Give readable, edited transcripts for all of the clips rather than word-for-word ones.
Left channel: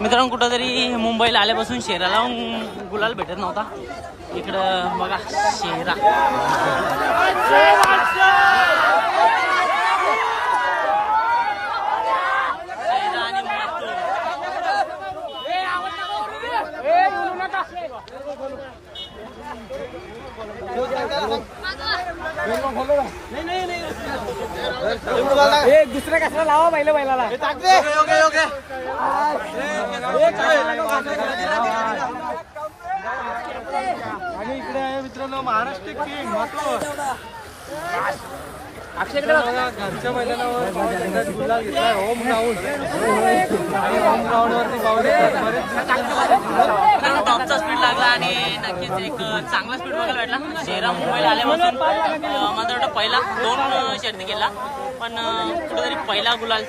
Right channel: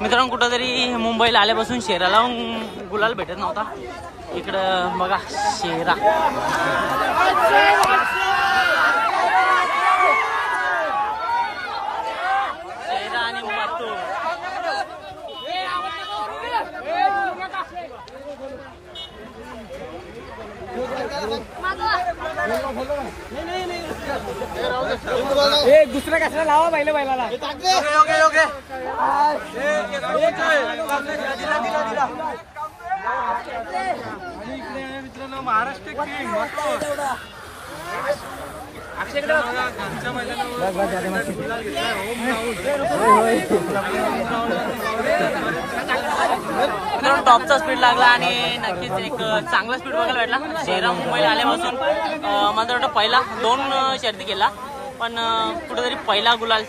मित्रांनो कुठंतरी मुंबईला आल्यापासून शेराला गुलाल भेटत नव्हता. इकडं बघा शेरा आणि मथुर. दुसऱ्या कशाला लावा पहिलं बैलाला. ओके ओके आणि इकडे आहे मित्रांनो महाराष्ट्र किंग टॉपचा स्पीड लागला आणि नक्कीच एक चांगला स्पीड बघायला भेटला. शेरा मुंबईला आल्यापासून मला वाटतं पहिला 2 शर्ती केला, पण कुठेतरी पहिला गुलाल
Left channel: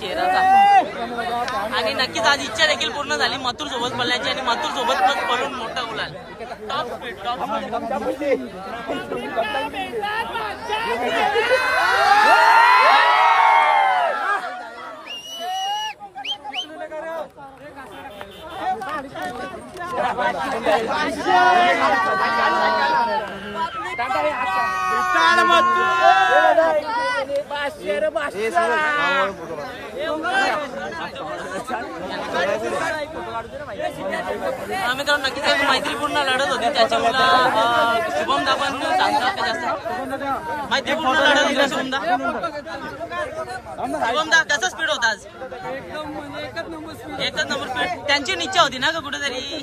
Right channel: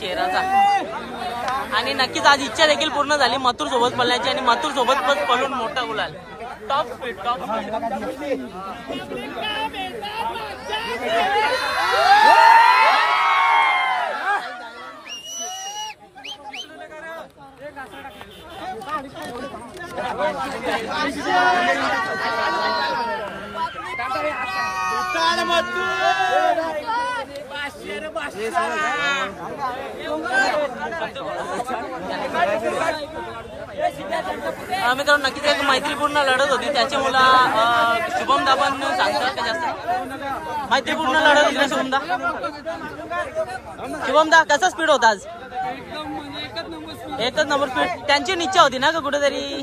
शेराचा. आणि नक्कीच आज इच्छा देखील पूर्ण झाली मथुर सोबत पळण्याची आणि मथुर सोबत पळून मोठा गुलाल. टॉप स्पीड मित्रांनो नक्कीच एक मैत्रीपूर्ण लढत होती. त्याच्यामुळे शुभमदा पण सांगतात का जास्त मैत्रीपूर्ण लढत होती. शुभमदा कसा स्पीड होता आज? एकच नंबर स्पीड. त्यांची इच्छा होती ना का कुठेतरी?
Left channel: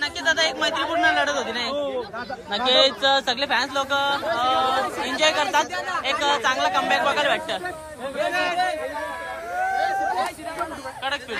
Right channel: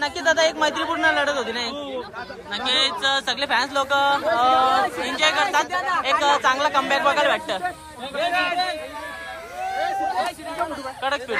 नक्कीच आता एक मैत्रीपूर्ण लढत होती नाही. नक्कीच सगळे फॅन्स लोक एन्जॉय करतात. एक चांगला कमबॅक बघायला भेटतं. कडक स्पीड